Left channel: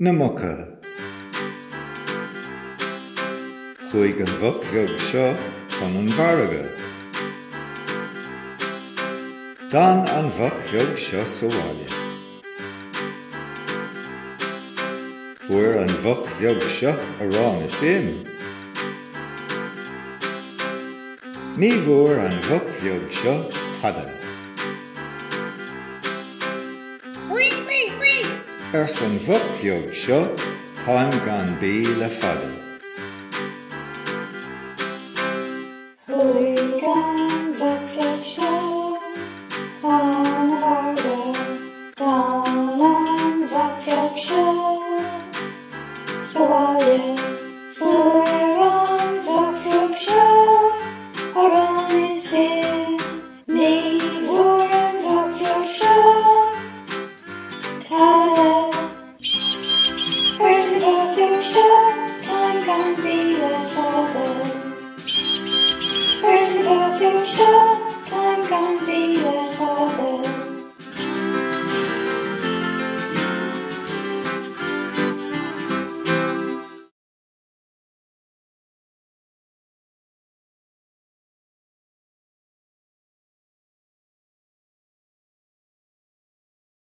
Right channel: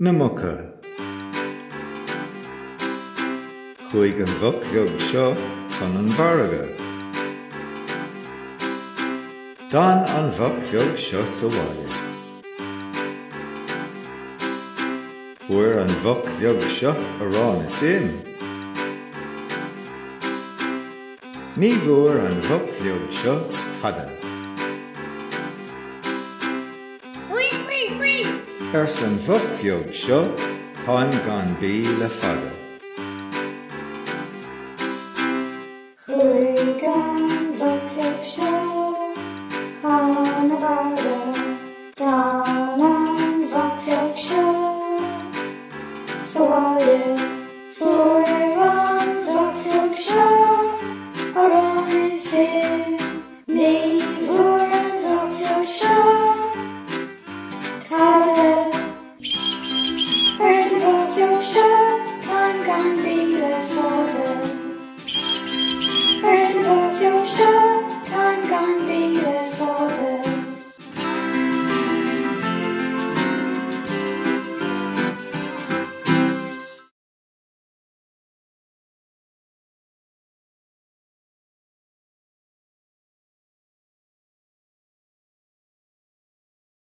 Na Muca. Chuig an bhuc bheag seo chun an bharraga. Dan an bhuc bheag seo sa bhaile. Fuair an bhuc bheag seo arán is éim. Ní bhuair an bhuc bheag seo tada. Ers an bhuc bheag seo táim gan bí le fada. Chuig an bhuc bheag seo chun a bharga. Dan an bhuc bheag seo sa bhaile. Fuair